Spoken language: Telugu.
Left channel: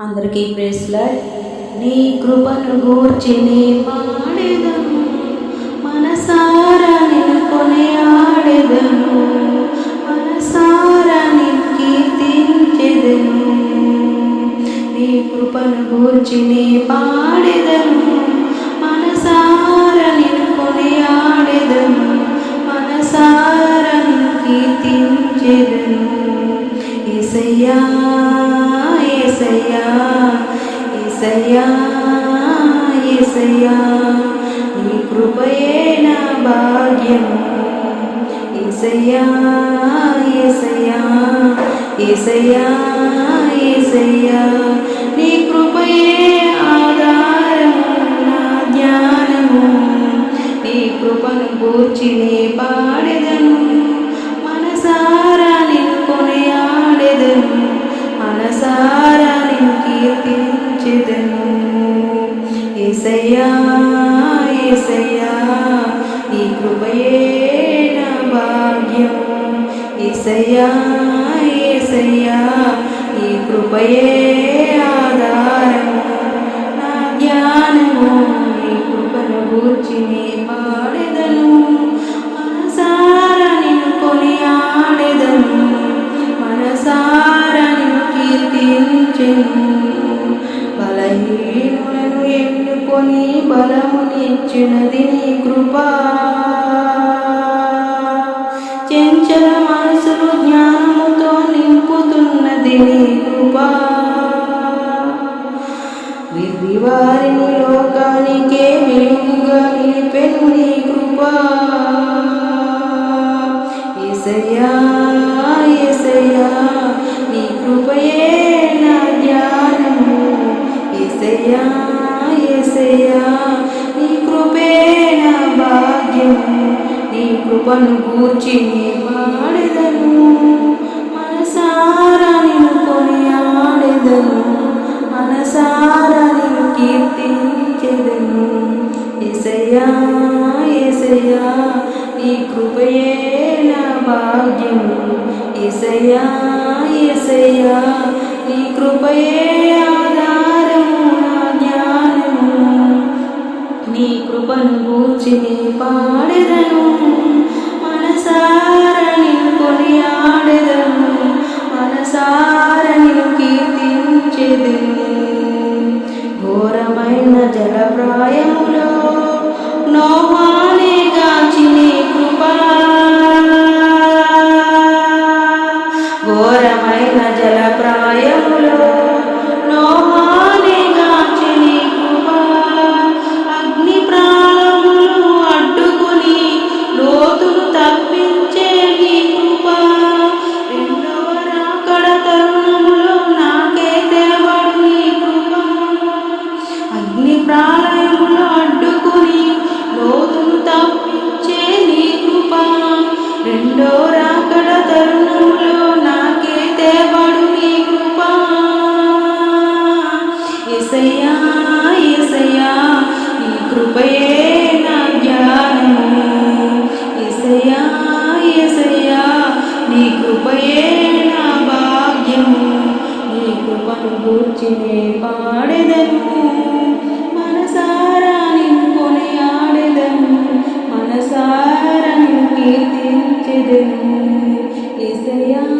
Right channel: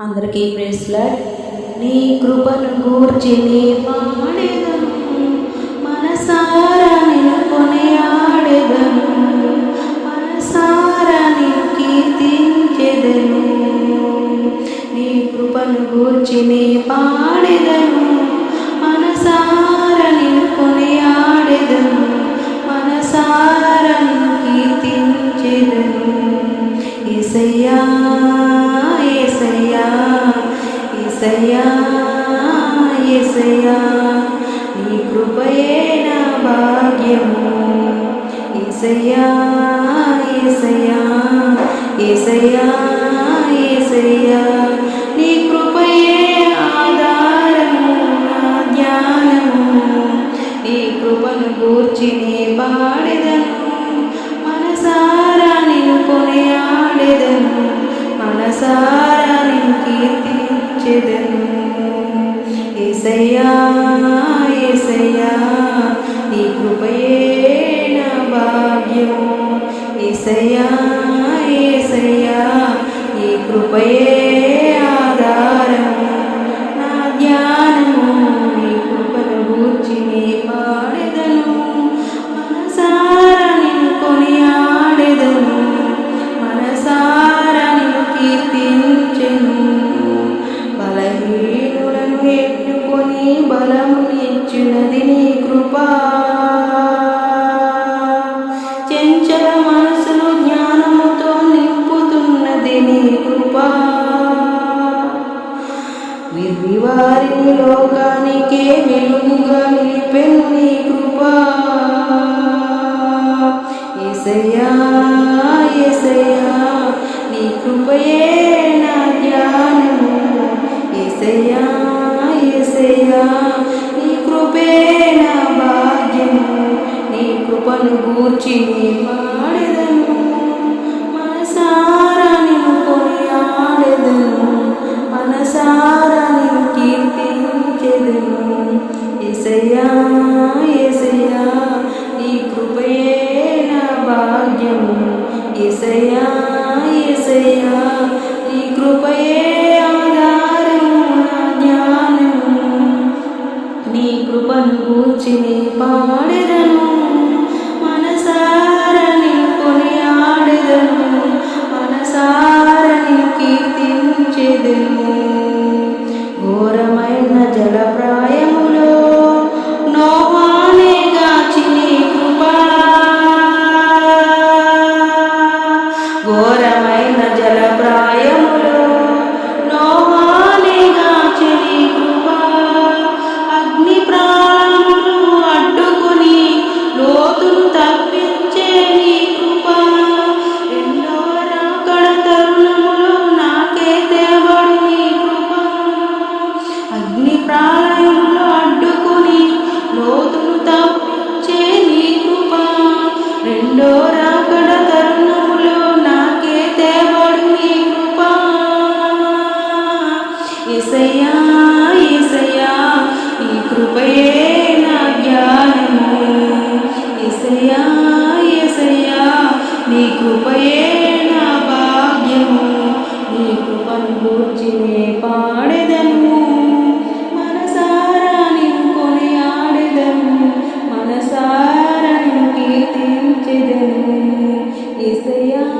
అందరికీ ప్రేస్లాడ్ నీ కృపను గూర్చి నీ పాడేదను మనసారా నేను కొనియాడేదను మనసారా నేను కీర్తించెదను. నీ కృపను గూర్చి నీ పాడేదను మనసారా నేను కొనియాడేదను మనసారా నేను కీర్తించెదను. ఏసయ్యా ఏసయ్యా ఏసయ్యా ఏసయ్యా నీ కృపయే నా భాగ్యము. ఏసయ్యా ఏసయ్యా ఏసయ్యా ఏసయ్యా నీ కృపయే ఆధారము నా ధ్యానము నీ కృపను గూర్చి నే పాడెదను మనసారా నిన్ను కొనియాడెదను. మనసారా కీర్తించెదను. ఏసయ్యా ఏసయ్యా నీ కృపయే నా భాగ్యం ఏసయ్యా ఏసయ్యా నీ కృపయే ఆధారము. నా ధ్యానము నీ కృపను గూర్చి నీ పాడెదను. మనసారా నిన్ను కొనియాడెదను. మనసారా కీర్తించెను బలహీనులను ఎన్నుకొని బలమునిచ్చినది నీ కృపా. చెంచల మనసులు జ్ఞానముతో నింపుతున్నది నీ కృపా. విరివారిని లోకానికే వెలుగుగా నిలిపెను ఏసయ్యా ఏసయ్యా నీ కృపయే నా ధ్యానము ఏసయ్యా ఏసయ్యా నీ కృపే నా భాగ్యము. నీ కృపను గూర్చి నీ పాడెదను. మనసారా నిన్ను కొనియాడెదను. మనసారా నిన్ను కీర్తించెదను. ఏసయ్యా ఏసయ్యా నీ కృపయే నా భాగ్యము ఏసయ్యా నీ కృపయే ఆధారము నా జ్ఞానము. నీ కృపను గూర్చి నీ పాడెదను. మనసార నిన్ను కొనియాడెదను. మనసార నిన్ను కీర్తించెదను. ఘోరమైన జలప్రాయ ప్రాయములో నోహానే చెలి నీ అగ్ని ప్రాణములు అడ్డుకుని లోతును తప్పించే నీ కృప. రెండవ రాకడ తరుణములో నాకే తేబడు నీ కృప. అగ్ని ప్రాళయములు అడ్డుకుని లోతును తప్పించే నీ కృప. రెండో ఎసయ్యా ఎసయ్యా నీ కృపయే నా జ్ఞానము. ఎసయ్యా ఎసయ్యా నీ కృపయే నా భాగ్యము. నీ కృపను గూర్చినే పాడెదను. మనసారా నిన్ను కొనియాడెదను. మనసారా నిన్ను కీర్తించెదను. ఎసయ్యా